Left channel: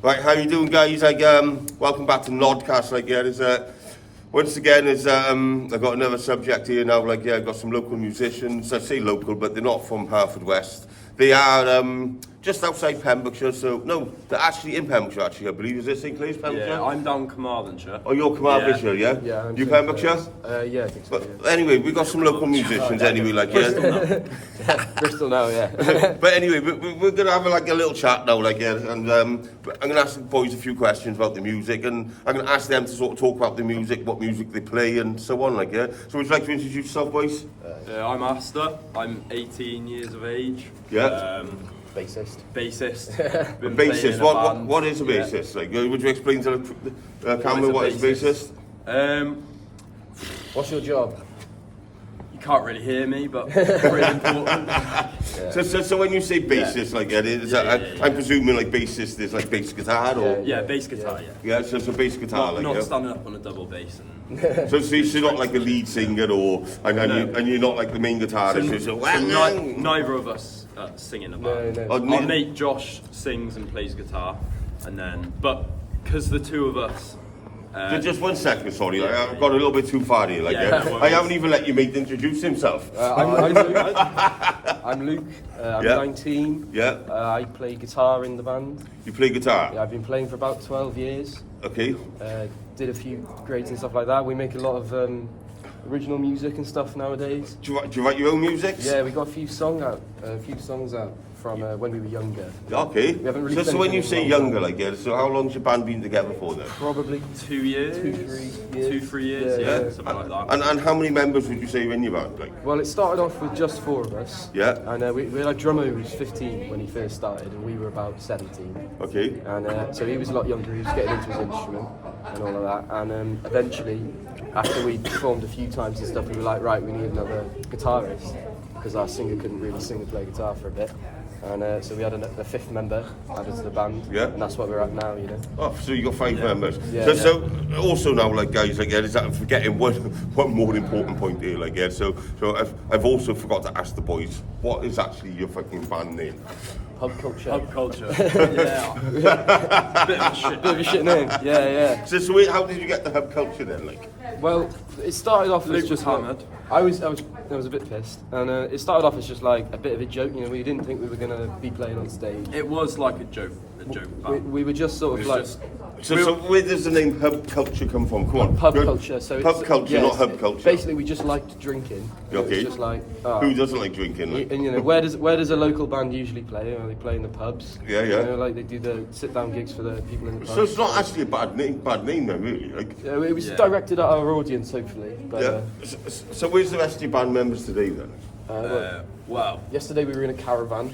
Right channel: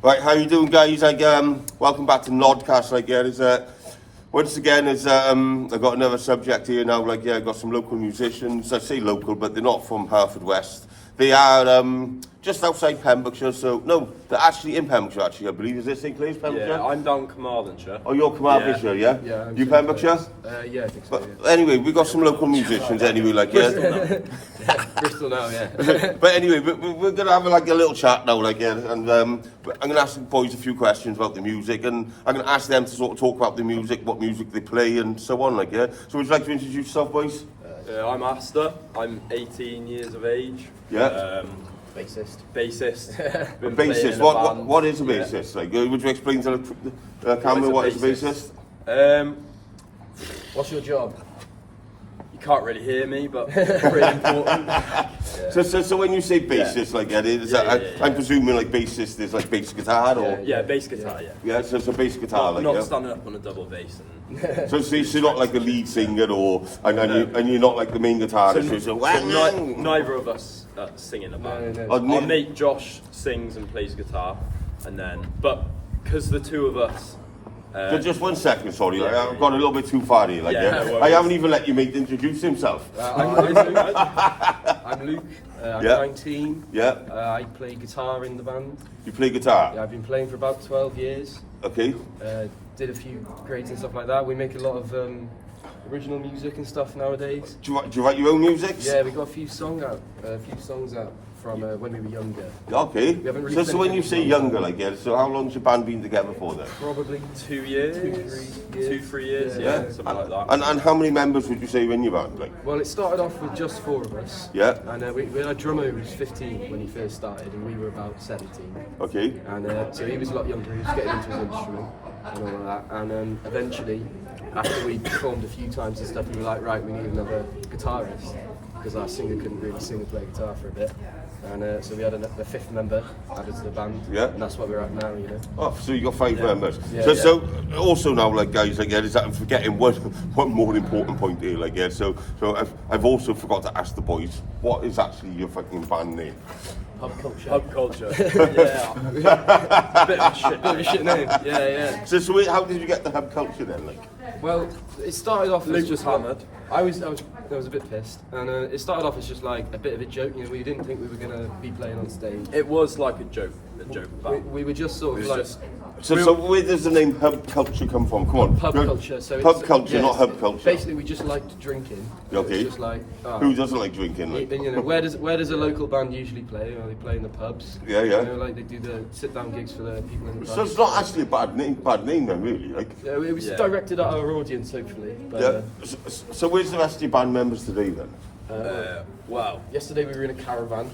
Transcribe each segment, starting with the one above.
Right, how you doing, guys? Welcome back to Nodcast. Once again, I've got another subject here now. I've got some local musicians. I say local, but they're not from Haverfordwest. They are just outside Pembrokeshire. So no, they're actually in Pembrokeshire. Actually, I believe is it St Clears, Pembrokeshire? Yeah, I'm down Carmarthenshire. Oh, you're Carmarthenshire, yeah? Yeah. You Pembrokeshire? Yeah, I think so. But anyway, we got some local musicians anyway. Bristol now, yeah. But anyway, we're gonna have a little chat now, and I'm gonna ask the boys a few questions about the music, and I'm gonna ask them to sort of talk about the music, what music they play, and so on, So would you like to introduce yourself, boys? I'm Aster. I'm 18 years of age. Yeah. Bassist. Bassist. Been Bassist. playing in a band. What is a bassist? Would you explain to the camera what is a bassist? What's your job? You can't really hear me, but pretty important. So when you say bassist, I'm presuming bassist is bass guitar or Yeah, bass guitar. Yeah. so bass guitar Not standing up on a double bass. So you're not like a lead singer and you're not like the main guitarist. Neither of us sing in a band. No. Oh, Our mate Josh sings and plays guitar, but because the two of us. Just 1 second, sorry. I've gone a little bit too far here. No I haven't even let your mate introduce himself. I'm Luke. I'm Yeah. 19. Yeah. I play guitar in the band. You play guitar? Yeah, I've been playing for about 12 years. Okay. Did a few grades and stuff like that. We make a lot of original music and stuff nowadays. Do you write your own music? Yeah, we got a few songs out from when we were younger. Okay. We haven't really So when you say played younger, so how long's your band been together for then? Probably 2 years, 2-3 years, Yeah. something like that. And how many members would you say are in your band? Well, it started off with just 4 of us. Yeah. And we had a drummer who was 15 when he first started, and we were about 17. Okay. And so he was a lot younger, he was getting into his instrument and all of that. And eventually, after we performed a few times and stuff, we were like, right, we need another guitarist, because our singer couldn't really sing or play guitar for a bit. And so we had a 5th member added to the band. Yeah. And that's what we're at now, Oh, so you got 5 members. Yeah. So also now, guys, is that I'm forgetting one more important point here, So I've also forgot to ask the boys, what is actually your fucking band name? Pub Culture. Pub culture. Yeah. Bit of a shit. Bit of a shit name. Yeah. So how did you get the Hub Culture then? Well, it started off Luke as was just hammered. I was a bit pissed, and it started off as just like a bit of a joke. We didn't think we were gonna be playing on stage. It was like a joke band. We were just sort of like So where does the name Hub Culture come from? Come on. pub culture. So Pub it's, culture, yeah, not hub culture. Basically, we just liked drinking. Okay. It's just like Who doesn't like drinking? and where does a local band usually play? They play in the pubs. Yeah. They do the sit down gigs for the people in the pubs. So it's not actually a bad name then, really. It was directed at our audience, hopefully. But, Yeah. So where's the rest of your band members today then? Wow. Yesterday we were in a caravan,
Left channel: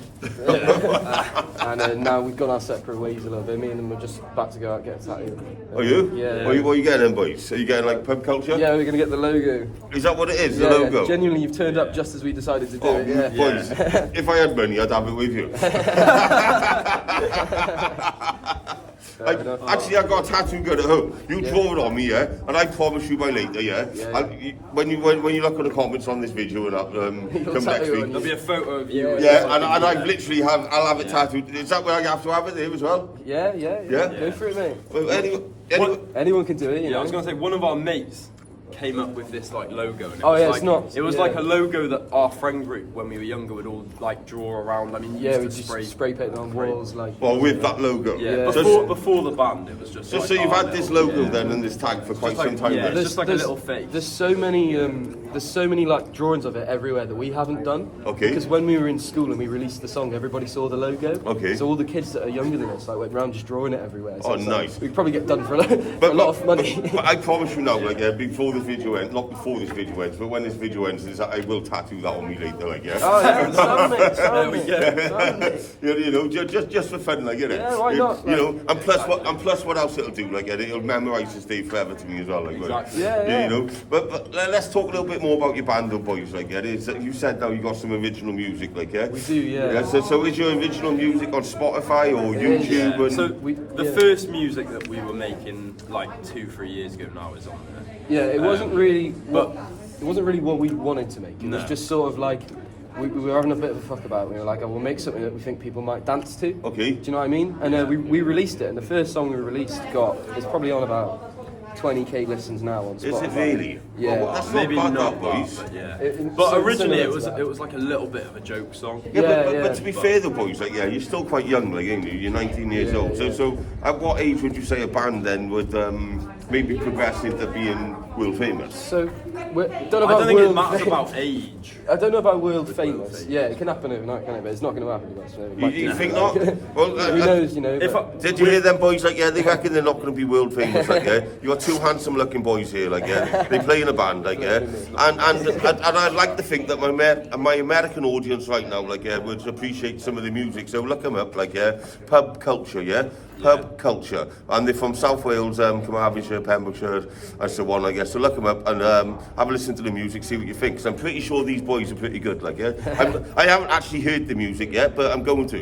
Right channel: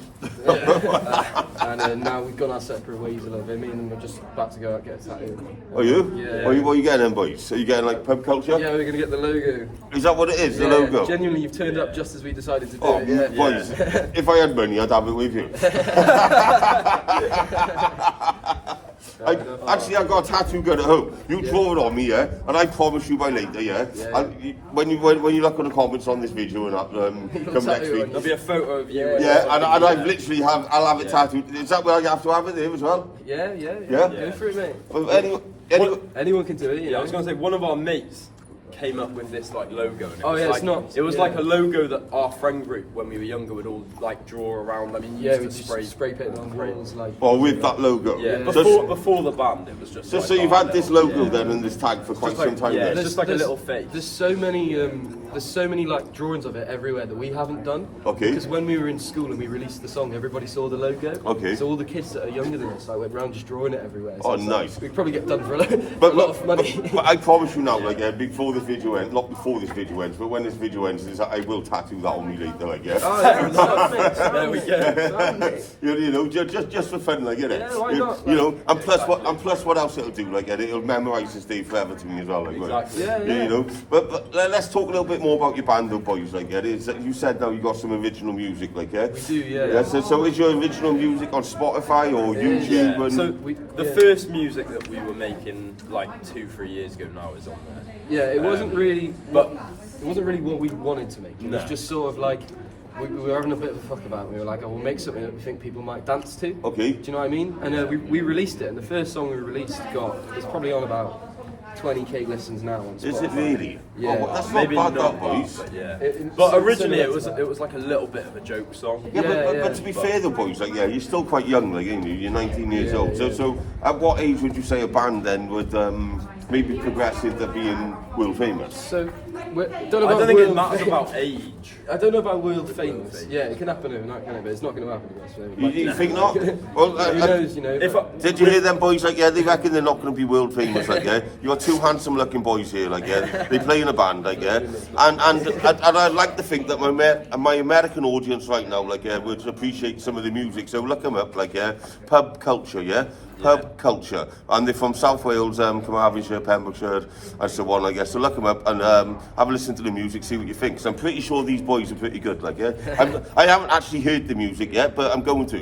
and now we've gone our separate ways a little bit. Me and them are just about to go out and get a tattoo. Are you? Yeah. What are you getting then, boys? Are you getting Pub Culture? Yeah, we're going to get the logo. Is that what it is, the logo? Genuinely, you've turned up just as we decided to do Oh, it. Yeah. boys, if I had money, I'd have it with you. Actually, I've got a tattoo gun at home. You draw it on me, yeah? And I promise you by later, yeah? When you look at the comments on this video and come next week. There'll be a photo of you. Yeah, and I've literally I'll have it tattooed. Is that where I have to have it there as well? Yeah. Yeah? Go for it, mate. Well, Anyone can do it. I was going to say, one of our mates came up with this logo. And it's it was not. like a logo that our friend group, when we were younger, would all draw around. I mean, Yeah, we used to just spray paint on walls Well, with that logo. Yeah. So, Before the band, it was just. so you've had this logo then and this tag for quite some time. Yeah, then? it's just like a little face. There's so many drawings of it everywhere that we haven't done. Okay. Because when we were in school and we released the song, everybody saw the logo. Okay. So all the kids that are younger than us went around just drawing it everywhere. So Oh, it's nice. We'd probably get done for a lot of money. But I promise you now, before the video ends, not before this video ends, but when this video ends, I will tattoo that on me later, Oh yeah, There we go. just for fun, Yeah, why not? And plus what else it'll do, it'll memorise this day forever to me as well, Exactly. Yeah. But let's talk a little bit more about your band, though, boys, Is that you said now you got some original music, yeah? We do, yeah. So is your original music on Spotify or YouTube? Yeah. And... So the first music that we were making 2-3 years ago now is on there. Yeah, it wasn't really what we wanted to make. It was No. just sort of like we were having a bit of a fuck about it. We were like, oh, we'll make something that we think people might dance to. Okay. Do you know what I mean? And we released it, and the first song we released it's probably on about 20k listens now on Spotify. Is it really? Yeah. Oh, well, that's Maybe not not bad, that, boys. but yeah. But But originally similar it was to that. it was like a little bit of a joke song. Yeah, Yeah, but to be fair, though, boys, like, yeah, you're still quite young, like, ain't you? You're 19 years Yeah, old. yeah. So at what age would you say a band then would maybe progress into being world famous? So, don't know I about don't think it world matters fame- about age. I don't know about world famous. famous. Yeah, it can happen overnight, can it? But it's not going to happen. That's You think not? Well, Who knows? You know. If I, did you hear them boys? Like, yeah, they reckon they're not going to be world famous. Like, yeah, you got two handsome-looking boys here. Like, yeah, they play in a band. Like, yeah, and I like to think that my American audience right now, like, yeah, would appreciate some of the music. So look them up. Like, yeah, Pub Culture. Yeah. Pub Culture, and they're from South Wales, Carmarthenshire, Pembrokeshire, and so on, I guess. So look them up and have a listen to the music, see what you think. Because I'm pretty sure these boys are pretty good. Like, yeah, I haven't actually heard the music yet, but I'm going to.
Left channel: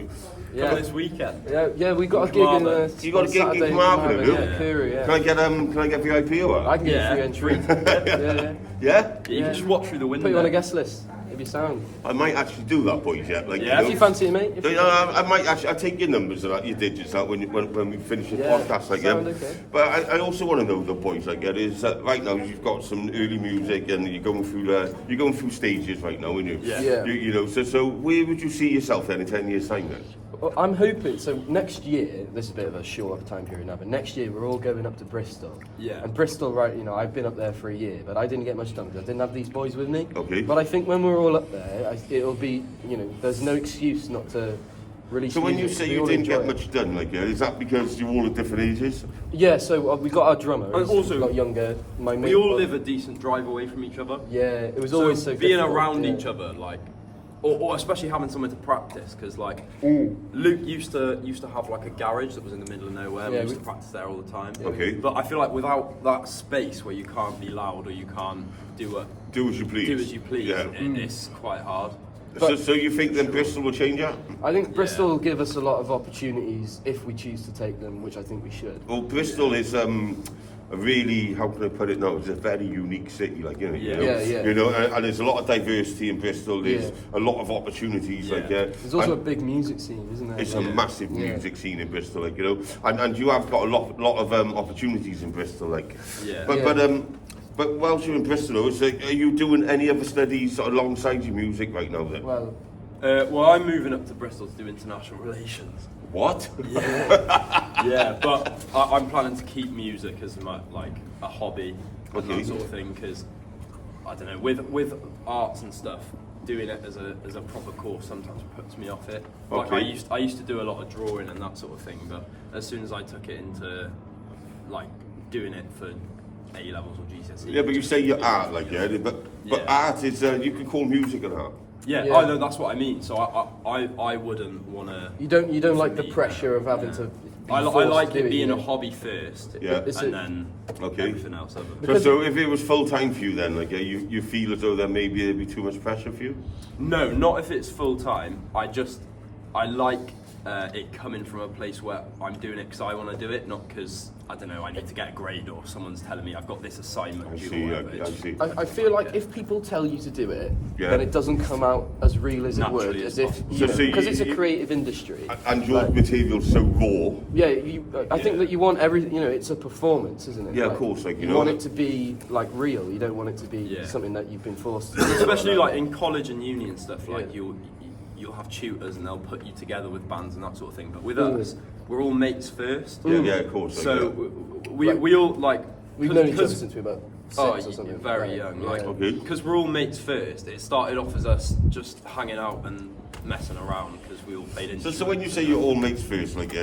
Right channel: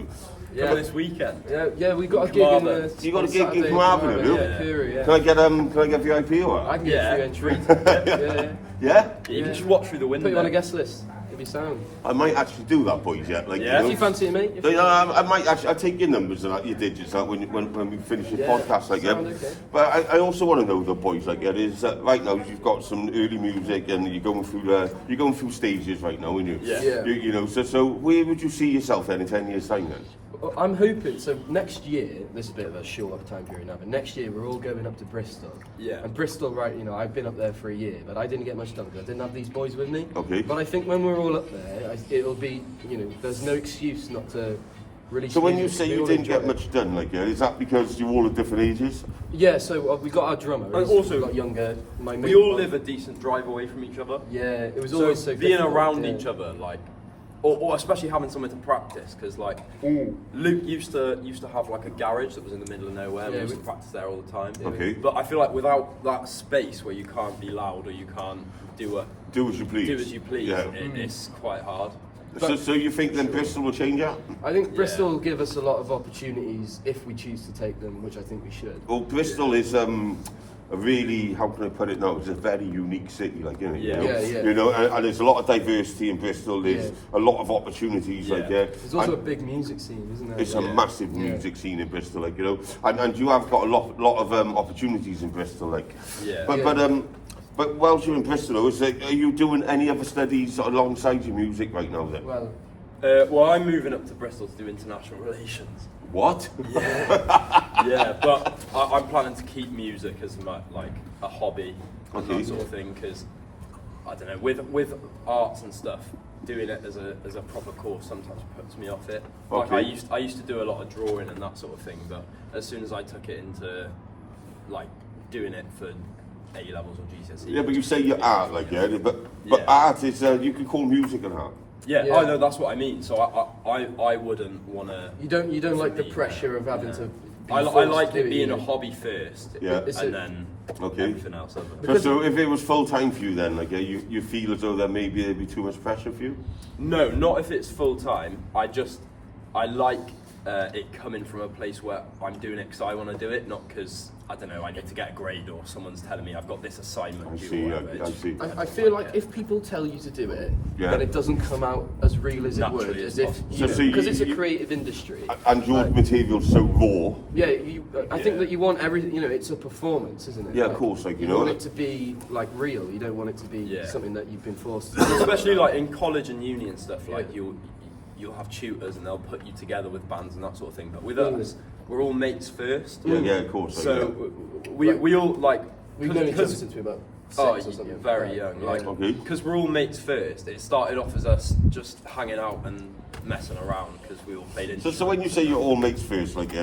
Come this weekend. Yeah, we got a gig in. Carmarthen. You got a on gig in Saturday Carmarthen, have you? Yeah, Korea, yeah. Can I get VIP or I what? can get Yeah. a free entry. yeah. Yeah, You can just watch through the window. Put you on a guest list. It'd be sound. I might actually do that, boys. Yeah, like, Yeah. you If you fancy it, mate. If you- I might actually. I'll take your numbers and your digits out when we finish your Yeah, podcast, like, yeah. sound okay. But I also want to know, the boys, like, yeah, is right now you've got some early music and you're going through stages right now, aren't you? Yeah. Yeah. You know, so where would you see yourself then in 10 years' time then? Well, I'm hoping, so next year, this is a bit of a short time period now, but next year we're all going up to Bristol. Yeah. And Bristol, right, you know, I've been up there for a year, but I didn't get much done because I didn't have these boys with me. Okay. But I think when we're all up there, it'll be, you know, there's no excuse not to release So when you music, say we you all didn't enjoy get it. much done, like, yeah, is that because you're all at different ages? Yeah, so we got our drummer, And he's also, a lot younger. My We mate- all live a decent drive away from each other. Yeah, it was So always so being difficult, around yeah. each other, like, or especially having somewhere to practice, because like Mm. Luke used to have like a garage that was in the middle of nowhere, and Yeah, we used we- to practice there all the time. Okay. But I feel like without that space where you can't be loud or you can't do Do as you please. as you please, Yeah. it's quite hard. So you think then Bristol will change that? I think Bristol will give us a lot of opportunities if we choose to take them, which I think we should. Well, Bristol is a really, how can I put it now? It's a very unique city, like, you know. Yeah. You know, Yeah, yeah. You know, and there's a lot of diversity in Bristol. There's Yeah. a lot of opportunities, like, Yeah. yeah. There's also a And big music scene, isn't there? it's Yeah. a massive music scene in Bristol, like, you know. And you have got a lot of opportunities in Bristol, like. Yeah. But whilst you're in Bristol, though, are you doing any other studies alongside your music right now then? Well, Well, I'm moving up to Bristol to do international relations. What? Yeah, but I'm planning to keep music as like a hobby and Okay. that sort of thing, because I don't know, with arts and stuff, doing it as a proper course sometimes puts me off it. Like Okay. I used to do a lot of drawing and that sort of thing, but as soon as I took it into like doing it for A levels or GCSE. Yeah, but you say you're art, like, yeah. But Yeah. art is you can call music an art. Yeah, Yeah. oh no, that's what I mean. So I wouldn't want to. you don't like the pressure of having to. Be I forced like to it do being you a know? hobby first, Yeah. It's and a- then Okay. everything else. Other. So if it was full time for you, then, like, you feel as though there maybe there'd be too much pressure for you. No, not if it's full time. I like it coming from a place where I'm doing it because I want to do it, not because I don't know I need to get a grade or someone's telling me I've got this assignment I due see. or whatever. I see. I feel like if people tell you to do it, Yeah. then it doesn't come out as real as it Naturally would, as as if possible. So- so because you- it's a you- creative industry. And your Like, material's so raw. yeah, I think Yeah. that you want everything. You know, it's a performance, isn't it? Yeah, of course, like, you you know. want it to be like real. You don't want it to be Yeah. something that you've been forced to. Especially like in college and uni and stuff, like Yeah. you'll have tutors and they'll put you together with bands and that sort of thing. But with Mm. us, we're all mates first. Yeah, of course. Like, So we all like We've known each other 'cause- since we were about Oh, 6 or something. very Yeah, young. yeah. Like, Okay. because we're all mates first. It started off as us just hanging out and messing around because we all played instruments. So when you say you're all mates first, like, yeah,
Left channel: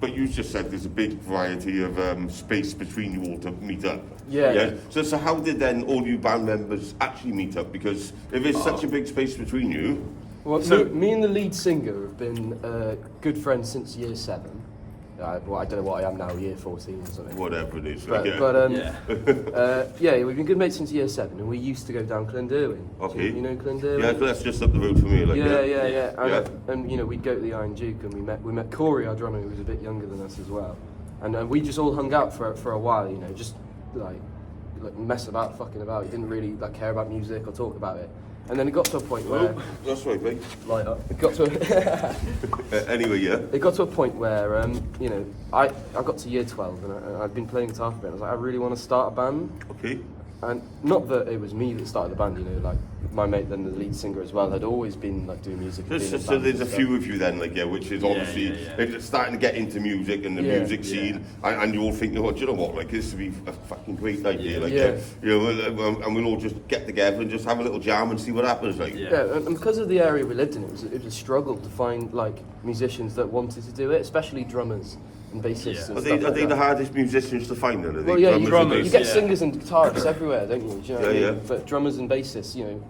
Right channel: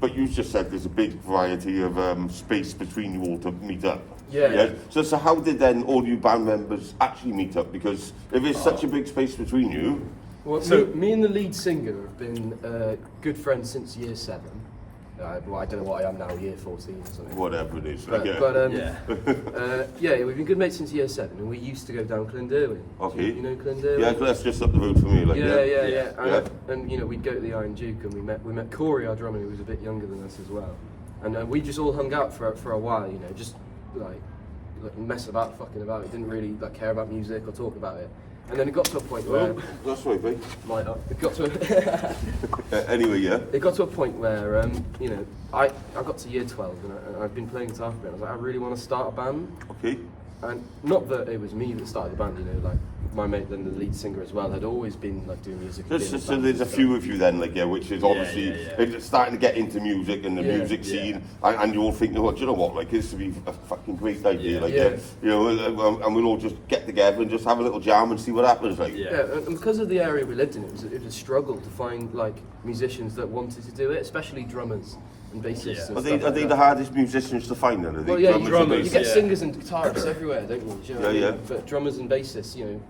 but you just said there's a big variety of space between you all to meet up. Yeah. So how did then all you band members actually meet up? Because if there's such a big space between you, Well, So- me and the lead singer have been good friends since year 7. Well, I don't know what I am now, year 14 or something. whatever it is, like, But, yeah. Yeah. we've been good mates since year 7, and we used to go down Clonderwin. Okay. You know Clonderwin? Yeah, that's just up the road from me, like, Yeah. Yeah. And you know, we'd go to the Iron Duke, and we met Corey, our drummer, who was a bit younger than us as well, and we just all hung out for a while. You know, just like mess about, fucking about. We didn't really like care about music or talk about it. And then it got to a point where That's right, mate. Light up. it got to Anyway, yeah. it got to a point where you know, I got to year 12 and I'd been playing guitar for a bit. I was like, I really want to start a band. Okay. And not that it was me that started the band, you know, like my mate, then the lead singer as well, had always been like doing music. And being in So bands there's a and few of you then, like, yeah, which is obviously yeah. it's starting to get into music and the Yeah. music scene, and you all think, oh, do you know what, like, this would be a fucking great idea, like, Yeah. you know, and we'll all just get together and just have a little jam and see what happens, like. Yeah. Yeah, and because of the area we lived in, it was a struggle to find like musicians that wanted to do it, especially drummers and bassists. Yeah. And Are stuff they, like are they that. the hardest musicians to find then? Are they Well, yeah, drummers and you bassists? get Yeah. singers and guitarists everywhere, don't you? Do you know what I Yeah, mean? yeah. But drummers and bassists, you know,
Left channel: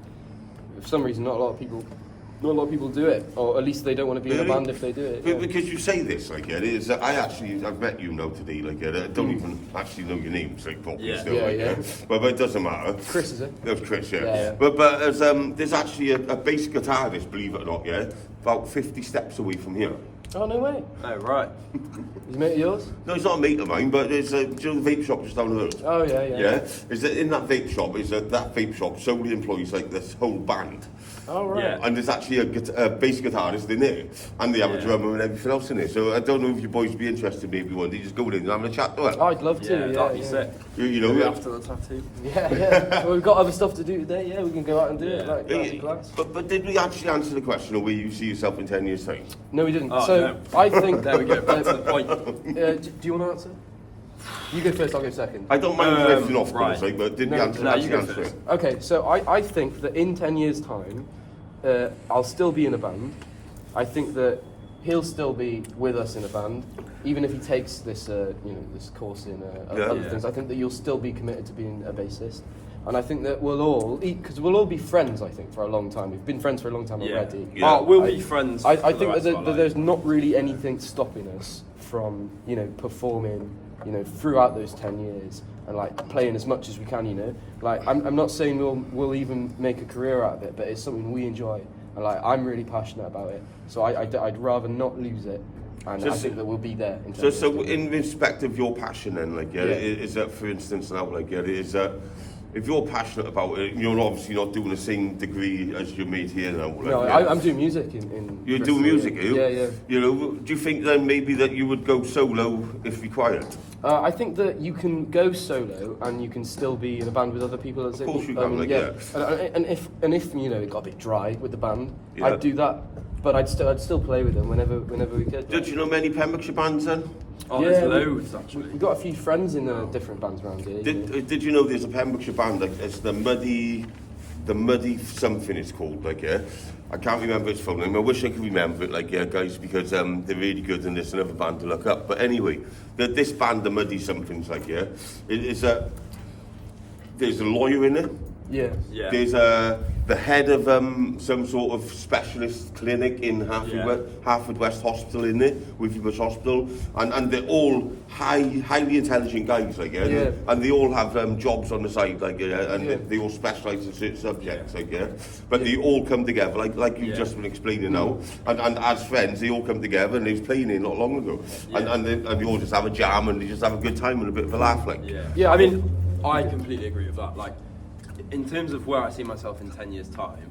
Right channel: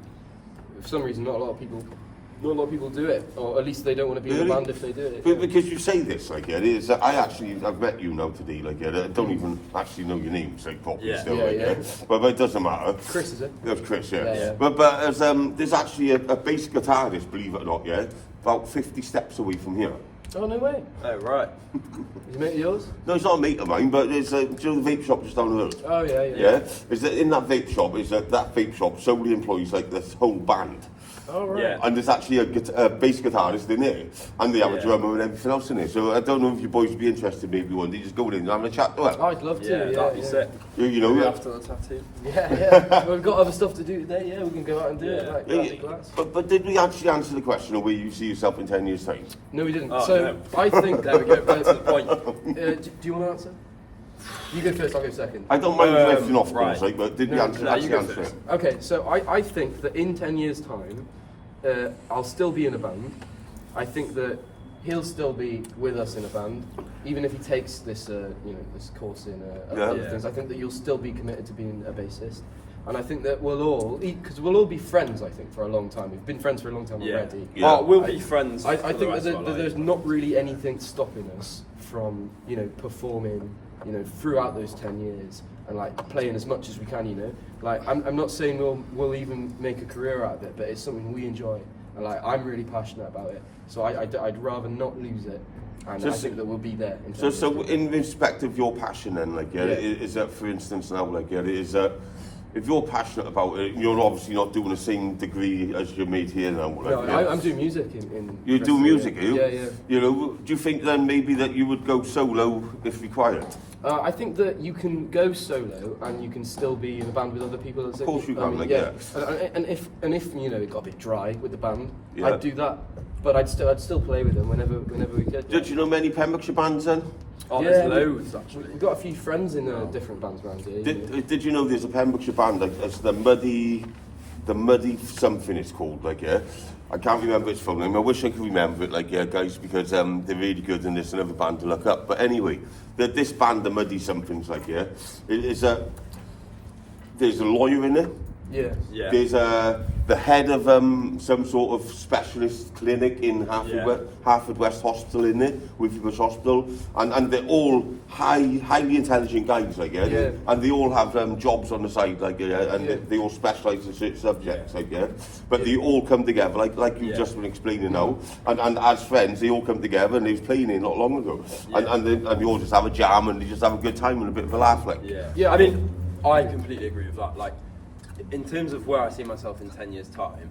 for some reason, not a lot of people do it, or at least they don't want to be in Really? a band if they do it. But Yeah. because you say this, like, yeah, it is, I've met you now today, like, yeah, I don't even actually know your name, like, properly Yeah. still, Yeah, like, yeah. But it doesn't matter. Chris, is it? That's Chris, yeah. Yeah, yeah. But as, there's actually a bass guitarist, believe it or not, yeah, about 50 steps away from here. Oh, no way. Oh, right. Is he mate of yours? No, it's not a mate of mine, but there's a the vape shop just down the road. Oh, yeah, yeah. Yeah, is that in that vape shop? Is that vape shop solely employs like this whole band, Oh, right. Yeah. and there's actually a bass guitarist in there, and they have a Yeah. drummer and everything else in there. So I don't know if you boys would be interested. Maybe one day just go in and have a chat to Oh, her. I'd love to. Yeah, Yeah, that'd be yeah. sick. You know, Maybe yeah. after the tattoo. Yeah, yeah. Well, we've got other stuff to do today. Yeah, we can go out and do it. Yeah. Like, that'd be class. But did we actually answer the question of where you see yourself in 10 years' time? No, we didn't. Oh, so no. I think There we go. Back to the point. do you want to answer? You go first. I'll go second. I don't mind Um, lifting off, right. like, but did we No, answer, no, you actually go answer first. it? Okay, so I think that in 10 years' time, I'll still be in a band. I think that he'll still be with us in a band, even if he takes this, you know, this course in Yeah. other Yeah. things. I think that you'll still be committed to being a bassist, and I think that we'll all, because we'll all be friends. I think for a long time. We've been friends for a long time Yeah. already. Yeah. Oh, we'll be friends. I for the think rest that, of our that there's life. not really anything stopping us from, you know, performing, you know, throughout those 10 years and like playing as much as we can, you know. Like I'm not saying we'll even make a career out of it, but it's something we enjoy and like I'm really passionate about it. So I'd rather not lose it, and I Just- think that we'll be there. In 10 So, years' so time. in respect of your passion then, like, yeah, Yeah. is that, for instance, now, like, yeah, is that, if you're passionate about it, you're obviously not doing the same degree as your mate here now. Like, No, yeah. I'm doing music in You rest do of the music, year. you? Yeah, yeah. You know, do you think then maybe that you would go solo if required? I think that you can go solo and you can still be in a band with other people. Of course you can, like, yeah. And if you know it got a bit dry with the band, Yeah. I'd do that. But I'd still play with them whenever we could. Did you know many Pembrokeshire bands then? Oh, Yeah, there's we- loads actually. We've got a few friends in different bands around here. you know. Did you know there's a Pembrokeshire band, like, it's the Muddy something it's called, like, yeah? I can't remember its full name. I wish I could remember it, like, yeah, guys, because they're really good and there's another band to look up. But anyway, this band, the Muddy something's, like, yeah, is that there's a lawyer in it. Yeah. Yeah. There's the head of some sort of specialist clinic in Haverfordwest Hospital in there, Withybush Hospital, and they're all highly intelligent guys, like, yeah, Yeah. and they all have jobs on the side, like, yeah, and Yeah. they all specialise in certain subjects, Yeah. like, yeah, but they all come together, like you've Yeah. just been explaining now, and as friends, they all come together, and they was playing here not long ago, Yeah. and they all just have a jam, and they just have a good time and a bit of a laugh, like. Yeah. Yeah, I I mean, I completely agree with that. Like, in terms of where I see myself in 10 years' time,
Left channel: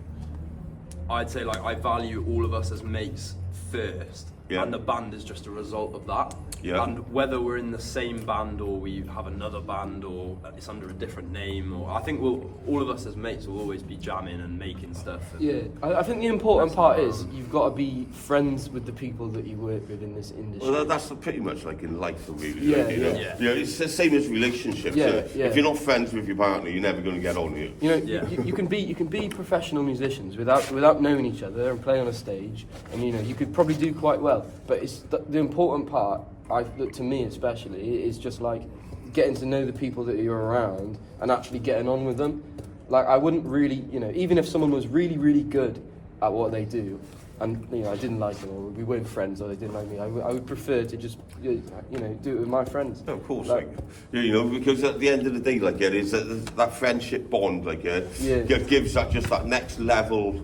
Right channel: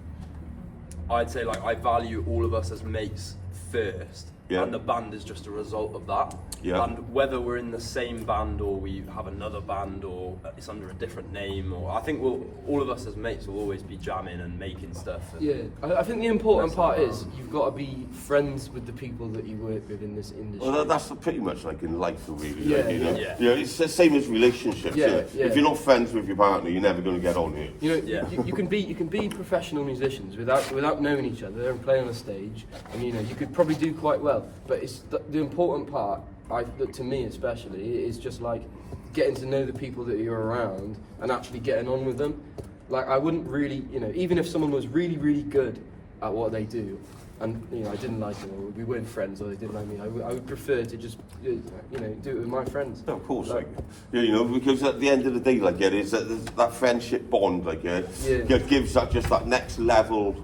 I'd say like I value all of us as mates first, Yeah. and the band is just a result of that. Yeah. And whether we're in the same band or we have another band or it's under a different name, or I think all of us as mates will always be jamming and making stuff. And Yeah, I think the important part is you've got to be friends with the people that you work with in this industry. Well, that's pretty much like in life, though, really. Yeah, like, you know? yeah. You know, it's the same as relationships. Yeah, you know? yeah. If you're not friends with your partner, you're never going to get on with it. You know, Yeah. you can be professional musicians without knowing each other and play on a stage, and you know you could probably do quite well. But it's the important part, to me especially, is just like getting to know the people that you're around and actually getting on with them. Like I wouldn't really, you know, even if someone was really really good at what they do, and you know I didn't like them or we weren't friends or they didn't like me, I would prefer to just you know do it with my friends. No, of course, like, you know, because at the end of the day, like, yeah, it's that friendship bond, like, yeah, Yeah. gives that just that next level,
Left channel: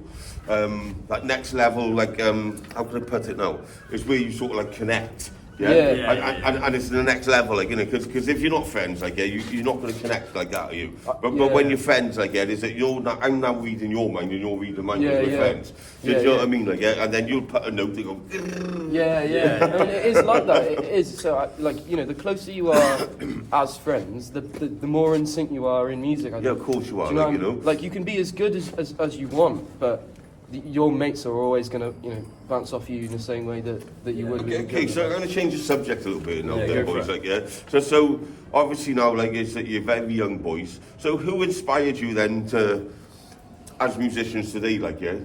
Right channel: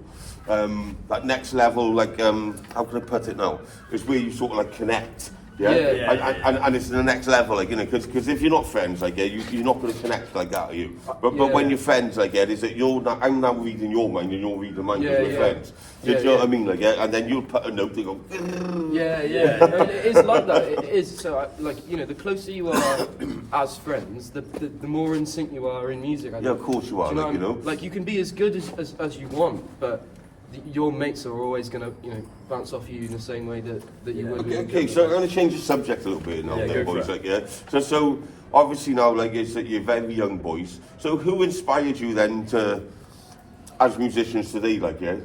like, how can I put it now? Is where you sort of like connect Yeah, Yeah. And it's the next level, like, you know, because if you're not friends, like, yeah, you're not going to connect like that, are you? But Yeah. when you're friends, like, yeah, is that I'm now reading your mind and you're reading mine because we're Yeah. friends. Do Yeah, you know yeah. what I mean? Like, yeah, and then you'll put a note and go, Yeah. I mean, it is like that. It is. So, like, you know, the closer you are as friends, the more in sync you are in music. I yeah, think. of course you are, Do like, you know. Like, you can be as good as you want, but your mates are always going to, you know, bounce off you in the same way that you would. Okay, so I'm going to change the subject a little bit now, Yeah, then, go for boys. it. Like, yeah. So obviously now, like, is that you're very young boys. So who inspired you then to, as musicians today, like, yeah?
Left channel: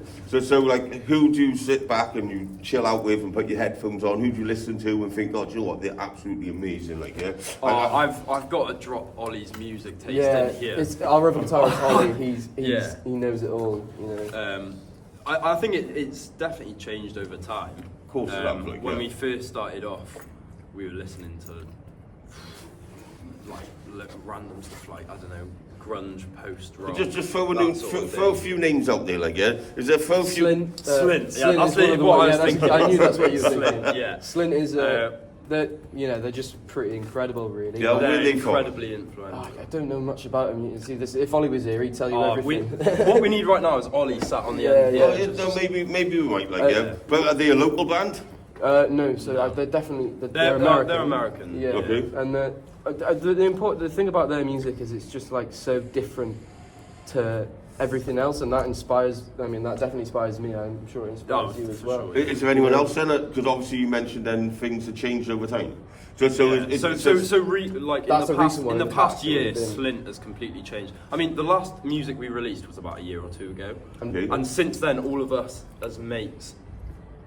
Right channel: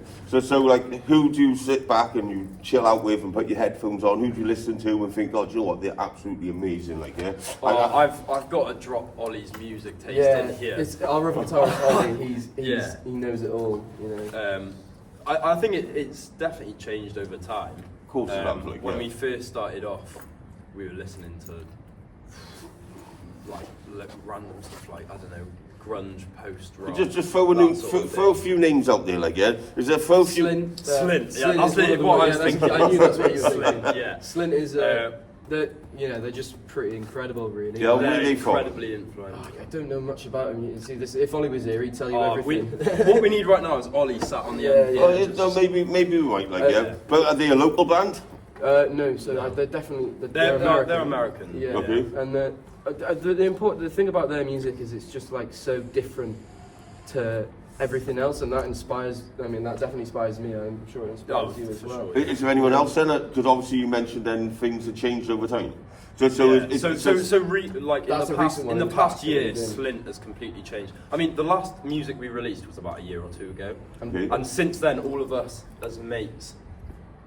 So like, who do you sit back and you chill out with and put your headphones on? Who do you listen to and think, God, you know what, they're absolutely amazing, like, yeah? I've got to drop Ollie's music taste Yeah, in here. it's our other guitarist Ollie. Yeah. He knows it all. You know. I think it's definitely changed over time. Of course it has, like, when yeah. we first started off, we were listening to like random stuff like, I don't know, grunge, post rock. Just throw a few names out there, like, yeah? Is there throw a few... Slint. Slint, yeah, Slint that's is one of the what I ones- was yeah, thinking. I knew that's what you were Slint, thinking. yeah. Slint is, they're just pretty incredible, really. Yeah, They're where are they from? incredibly influential. I don't know much about him. You see, this, if Ollie was here, he'd tell you Oh, everything. what we need right now is Ollie sat on the Yeah, end. yeah. Oh, yeah, so maybe we might, like, yeah. yeah. But are they a local band? No, so they're definitely They're American. They're American. Yeah, Okay. and the thing about their music is it's just like so different to everything else, and that inspires. I mean, that definitely inspires me. I'm sure it inspires you as for well. sure. Is there anyone else then? Because obviously you mentioned then things have changed over time. So Yeah. it's Like That's a in recent one the in the past past, year, yeah, yeah. Slint has completely changed. I mean, the last music we released was about a year or two ago, Okay. and since then, all of us as mates,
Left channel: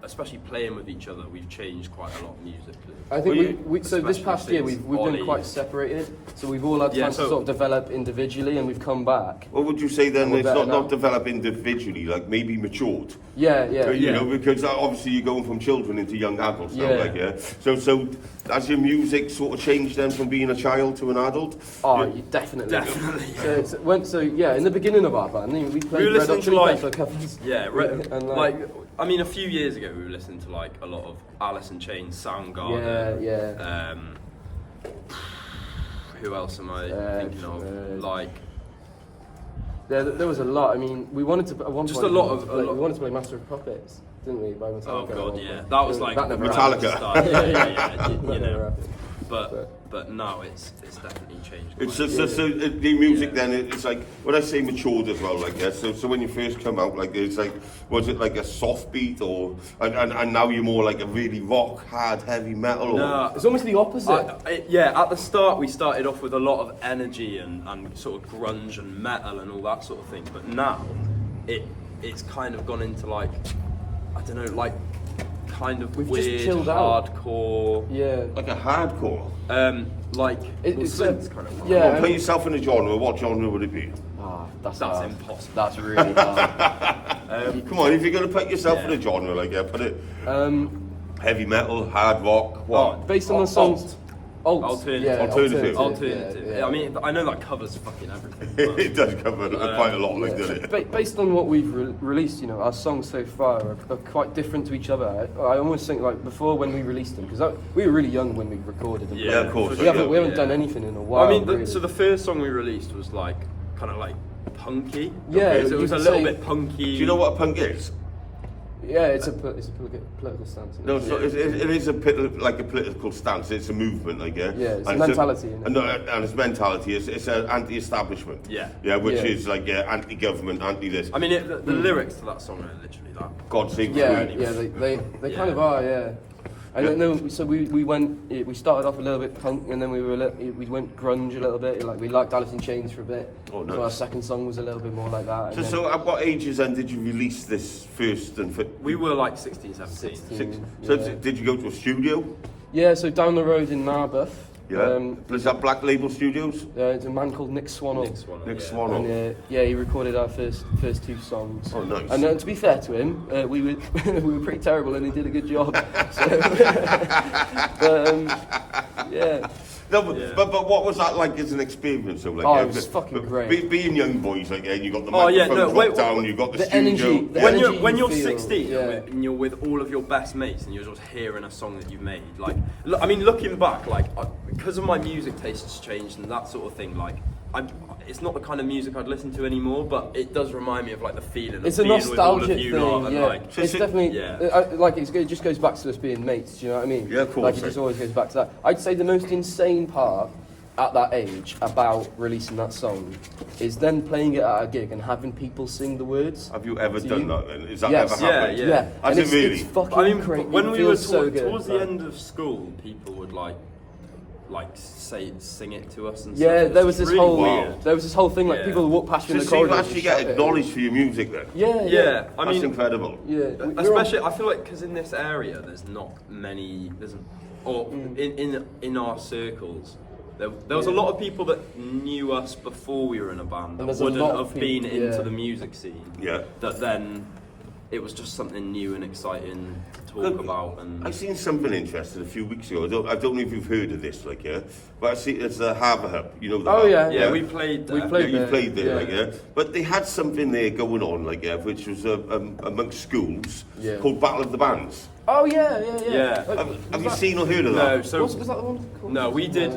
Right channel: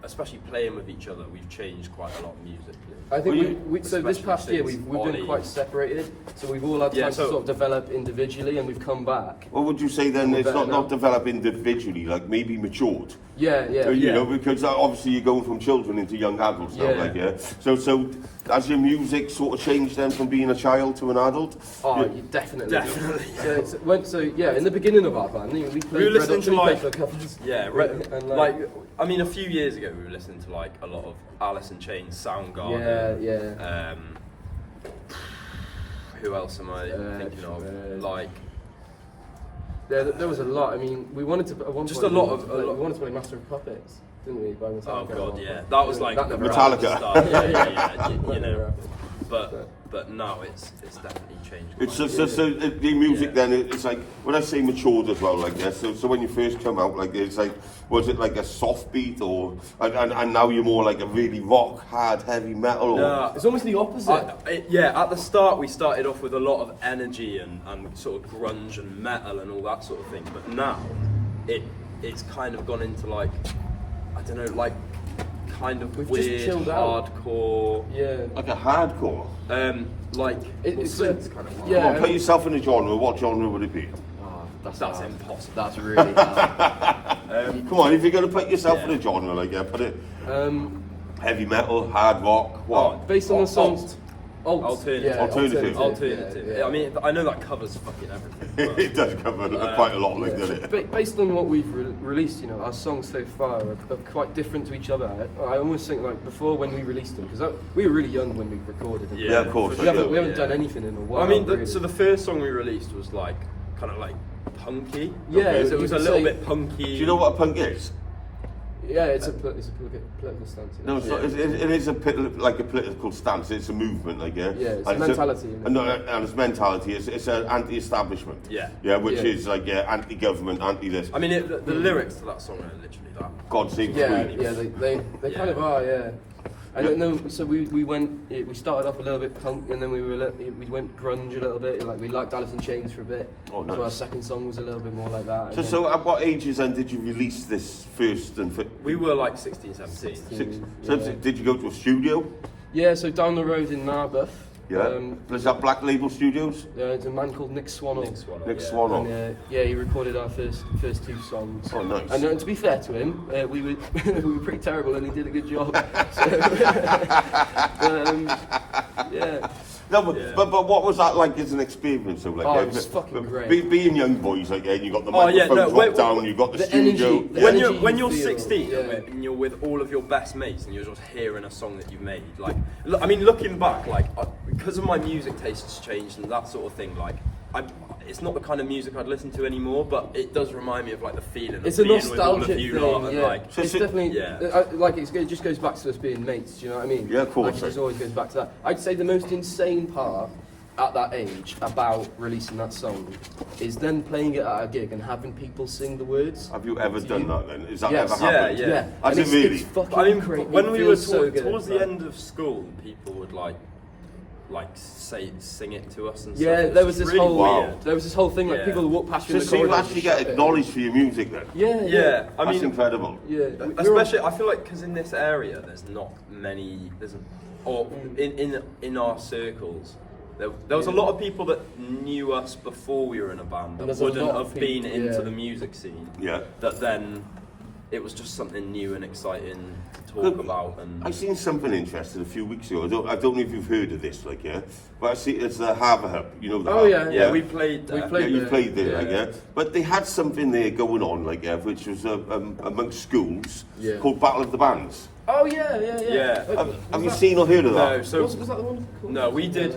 especially playing with each other, we've changed quite a lot musically. I think Well, we so this especially past year since we've been Ollie- quite separated, so we've all had Yeah, time to so- sort of develop individually, and we've come back. What would you say then? We're It's better not now. developed individually, like maybe matured. Yeah. You Yeah. know, because obviously you're going from children into young adults now, Yeah. like, yeah. So has your music sort of changed then from being a child to an adult? Oh, you definitely. Definitely. So yeah, in the beginning of our band, we played We were Red listening Hot to, Chili like- Peppers covers. Yeah, And, like I mean, a few years ago we were listening to like a lot of Alice in Chains, Soundgarden. Yeah. Who else am I thinking of? Like, There was a lot. I mean, we wanted to. At one Just point, a lot we of- wanted to a play- lot- we wanted to play Master of Puppets, didn't we? By Metallica. oh at god, one yeah, point. that was like that never Metallica. happened. yeah, you That never know. happened. But now it's definitely changed. It's quite a so bit. the music Yeah. then it's like when I say matured as well, like, yeah. So when you first come out, like, it's like, was it like a soft beat or and now you're more like a really rock, hard, heavy metal? Or Nah, It's almost the opposite. yeah, at the start we started off with a lot of energy and sort of grunge and metal and all that sort of thing. But now it's kind of gone into like, I don't know, like kind of We've just weird chilled out. hardcore. Yeah. like a hardcore. Like It's Slint's a- kind of yeah. Come on, put yourself in a genre. What genre would it be? Ah, that's That's hard. impossible. That's really hard. Come on, if you're gonna put yourself Yeah. in a genre, like, yeah, put it Um, heavy metal, hard rock. What? based on the songs. Alternative. Yeah, Alternative. Alternative. yeah. I mean, I know that covers fucking everything. It does cover quite a lot, like, doesn't it? Based on what we've released, you know, our songs so far are quite different to each other. I almost think like before when we released them, because we were really young when we recorded them. Yeah, of course. for We haven't, sure, we haven't yeah. done anything in a while. I mean, really. so the first song we released was like kind of like punky. Yeah, Okay, so it you was a could little say- bit punky. Do you know what a punk is? yeah, it's a political stance. Isn't No, it? it's not, it is like a political stance. It's a movement, like, yeah. Yeah, it's And mentality, isn't it? and it's mentality. It's an anti-establishment. Yeah. Yeah, which Yeah. is like anti-government, anti-this. I mean, the lyrics to that song are literally that. God save the Yeah, Queen. yeah, they Yeah. kind of are, yeah. I don't know. So we started off a little bit punk, and then we went grunge a little bit. Like we liked Alice in Chains for a bit. Oh, nice. So our second song was a little bit more like that. and then- So at what ages then did you release this first? We were like 16, 17. So yeah. did you go to a studio? Yeah, so down the road in Narberth. Yeah. Was that Black Label Studios? It's a man called Nick Swannell. Nick yeah. Swannell. And, yeah, he recorded our first two songs. Oh, nice. And to be fair to him, we were we were pretty terrible, and he did a good job. So, yeah. No, but, Yeah. but what was that like as an experience? So, like, Oh, it was fucking great. Being young boys, like, you got the Oh, yeah, microphone no, dropped wait, down, you got the the studio. energy- the when energy you're you feel, 16 yeah. and you're with all of your best mates and you're just hearing a song that you've made, like, I mean, looking back, like, because of my music tastes changed and that sort of thing, like, it's not the kind of music I'd listen to anymore, but it does remind me of like the feeling of It's a being with all nostalgic of you thing, lot and yeah. like. It's definitely Yeah. like it just goes back to us being mates. Do you know what I mean? Yeah, of course. Like it just always goes back to that. I'd say the most insane part at that age about releasing that song is then playing it at a gig and having people sing the words. Have you ever done that then? Has that Yes. ever happened? Yeah. Yeah, Has and it really? It's fucking I mean, crazy. when It we were feels so good. towards the end of school, people would like sing it to us and Yeah, stuff. there was It's this really whole weird. there was this whole thing like Yeah. people would walk past you in the So you corridor. and actually just get shout it. acknowledged for your music then? Yeah, Yeah, I That's mean, incredible. yeah. especially I feel like because in this area there's not many or in our circles there was a lot of people that knew us before we were in a band And that there's a wouldn't lot of have been people- into yeah. the music scene. Yeah. That then it was just something new and exciting to talk about. And I seen something interesting a few weeks ago. I don't know if you've heard of this, like, yeah. But I see it's the Harbour Hub. You know the Oh, Harbour, yeah. yeah, we played there. We played you there. played there, Yeah. like, yeah. But they had something there going on, like, yeah, which was amongst schools Yeah. called Battle of the Bands. Oh yeah. Yeah. Have you seen or heard of that? No, so Was that the one? Called? no, we did.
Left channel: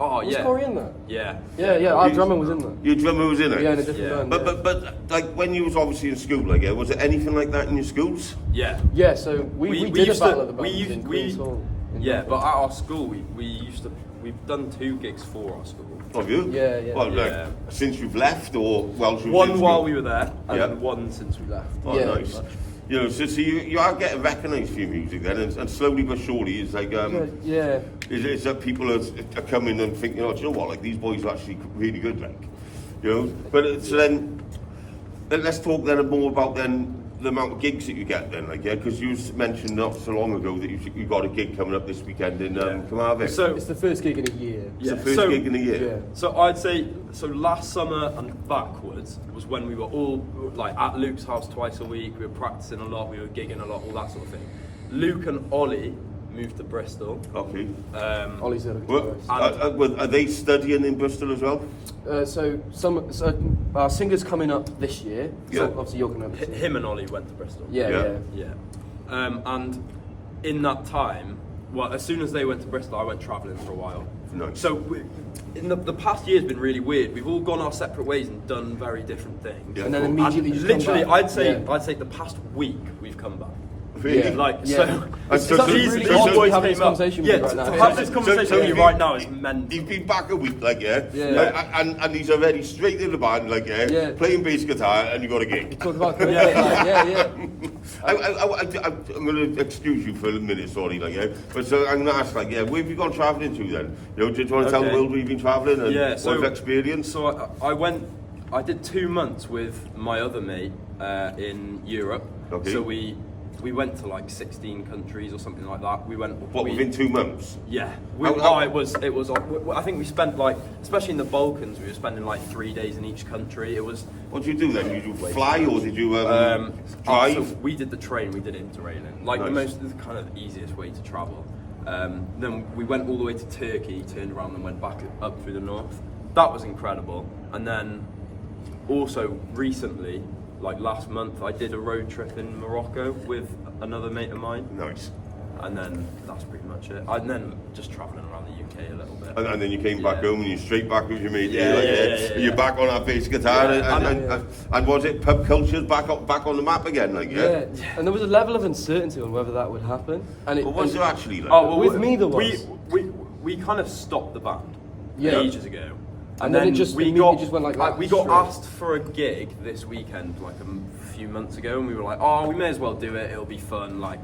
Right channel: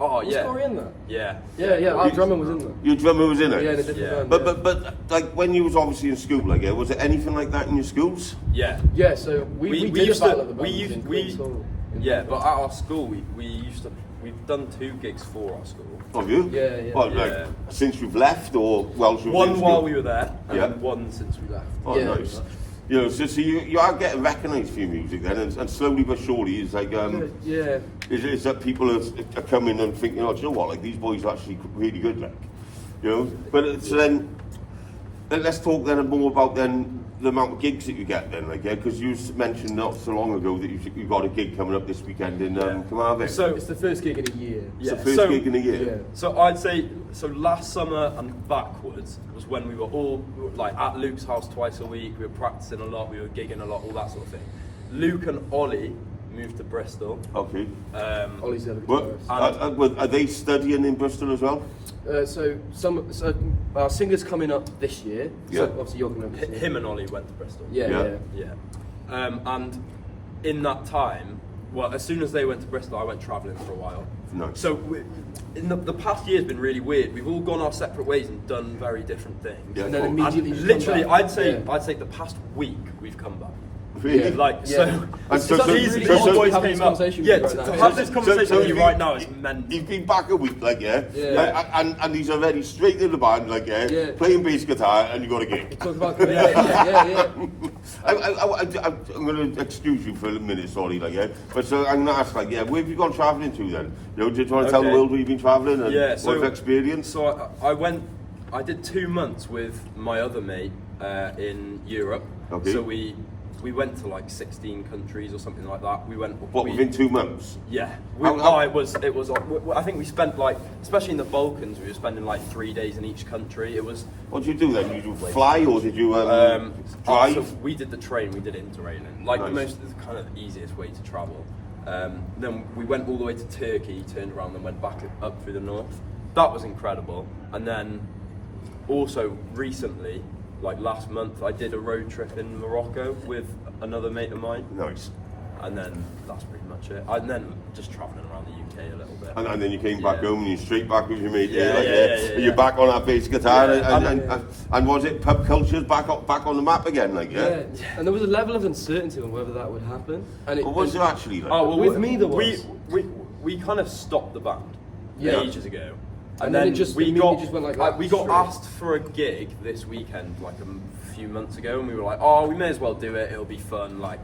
Oh Was yeah, Corey in that? yeah, Yeah. Our drummer was in there. Your drummer was in it. Yeah, in a different Yeah. band. But like when you was obviously in school, like, yeah, was it anything like that in your schools? yeah. Yeah, so we did used a battle to, of the we bands used, in we, Queen's Hall in yeah, London. but at our school, we've done 2 gigs for our school. Have you? Yeah. Well, like, Yeah. since you've left, or well, since One you've while been- we were there, and Yeah. then one since we left. Oh, Yeah, nice. pretty much. You know, so you are getting recognised for your music then, and slowly but surely, it's like Yeah. it's that people are coming and thinking, oh, do you know what? Like these boys are actually really good, like, you know. But it's then let's talk then more about then the amount of gigs that you get then, like, yeah, because you mentioned not so long ago that you got a gig coming up this weekend in Carmarthen. So It's the first gig in a year. it's the yeah, first so- gig in a year. Yeah. So I'd say last summer and backwards was when we were all like at Luke's house twice a week. We were practicing a lot, we were gigging a lot, all that sort of thing. Luke and Ollie moved to Bristol. Okay. Ollie's the other Well, guitarist. are they studying in Bristol as well? So our singer's coming up this year. Yeah. So obviously you're coming up this year. Him and Ollie went to Bristol. Yeah. Yeah. Yeah. And in that time, well, as soon as they went to Bristol, I went travelling for a while. Nice. So in the past year's been really weird. We've all gone our separate ways and done very different things. Yeah, And then cool. immediately And just come literally, back. I'd say the past week we've come back. Really? Yeah. Like Yeah. so, And so- so- these so- these so- boys having this came up. conversation with Yeah, you right to now. have this So- conversation so with you you- right now is mental. He's been back a week, like, yeah, Yeah. And he's already straight in the band, like, yeah, Yeah. playing bass guitar, and you got a gig. Talk about commitment. Yeah. I'm going to excuse you for a minute, sorry, like, yeah, but so I'm going to ask, like, yeah, where have you gone travelling to then? You know, do you want to tell the Okay. world where you've been travelling and Yeah, what's so the experience? So I did 2 months with my other mate in Europe. Okay. So we went to like 16 countries or something like that. We went. What, within 2 months? Yeah. How- It was. I think we spent like, especially in the Balkans, we were spending like 3 days in each country. It was. What did you do then? Did you fly or did you drive? So we did the train. We did interrailing, like Nice. the kind of easiest way to travel. Then we went all the way to Turkey, turned around, and went back up through the north. That was incredible. And then also recently, like last month, I did a road trip in Morocco with another mate of mine, Nice. and then that's pretty much it. And then just travelling around the UK a little bit. And then you came back Yeah. home and you're straight back with your mate Yeah, here, like, yeah, yeah, yeah, and you're yeah. back on that bass guitar, Yeah, and was it pub culture's back on the map again, like, yeah? Yeah. And there was a level of uncertainty on whether that would happen. And it Or was there actually, like? Oh well, With me there was. We kind of stopped the band Yeah. ages ago, And then it just we immediately got just went like that, we got straight. asked for a gig this weekend like a few months ago, and we were like, oh, we may as well do it. It'll be fun. Like,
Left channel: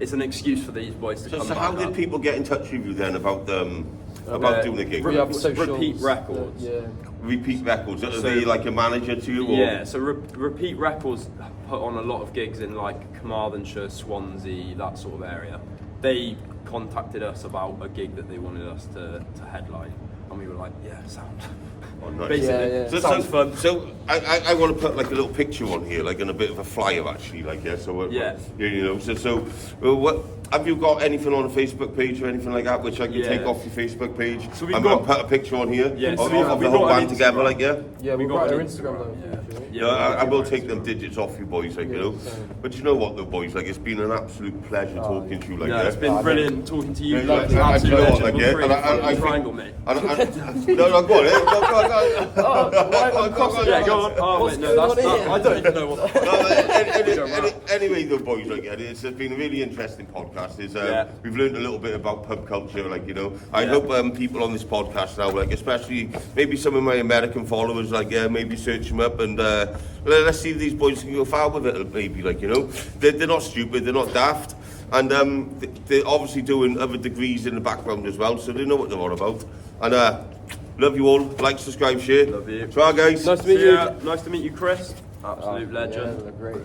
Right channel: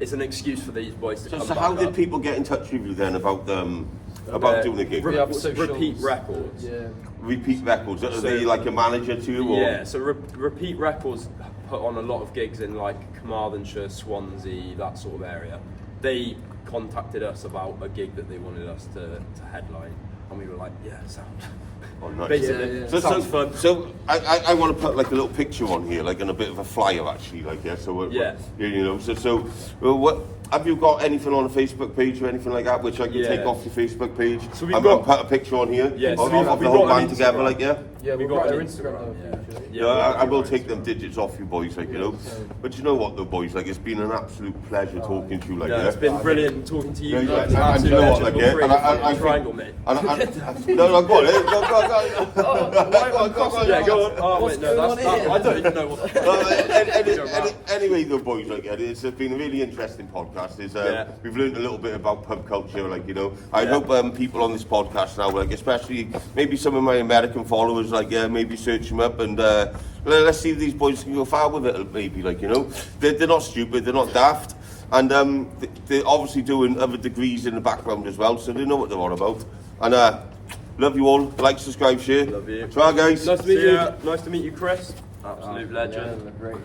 it's an excuse for these boys to come So back how did up. people get in touch with you then about doing the gig? We have socials, Repeat Records. Yeah. Repeat Records, are So- they like a manager to you? Or? Yeah, so Repeat Records put on a lot of gigs in like Carmarthenshire, Swansea, that sort of area. They contacted us about a gig that they wanted us to headline. and we were like, yeah, sound. Oh, nice. Basically, Yeah. sounds fun. So I want to put like a little picture on here, like in a bit of a flyer actually, like yeah. So Yeah. you know. So what have you got anything on a Facebook page or anything like that, which I can Yeah. take off your Facebook page? So we've and got- put a picture on here. Yeah, so of, we've of the got whole an band together, Instagram. like yeah. Yeah, We we've got got an our Instagram, Instagram. yeah. though. Yeah, Yeah, I will we'll take them digits off you boys, like you know. same. But you know what, though, boys, like it's been an absolute pleasure talking to you, like No, yeah. it's been brilliant talking to you. Yeah, guys. yeah, and Absolute you know what, legend. like, We'll yeah, create and a fucking I think- triangle, mate. No, go on, eh? Go on. Yeah, go on. Oh, What's mate, no, going that's, on here? I don't even know what. Anyway, though, boys, like it's been a really interesting podcast. Yeah. We've learned a little bit about pub culture, like you know. I hope people on this podcast now, like especially maybe some of my American followers, like maybe search them up and let's see if these boys can go far with it. Maybe, like you know, they're not stupid, they're not daft, and they're obviously doing other degrees in the background as well, so they know what they're on about. And love you all. Like, subscribe, share. Love you. Try, guys. Nice to meet See you. ya. Nice to meet you, Chris. Absolute Yeah, legend. they look great.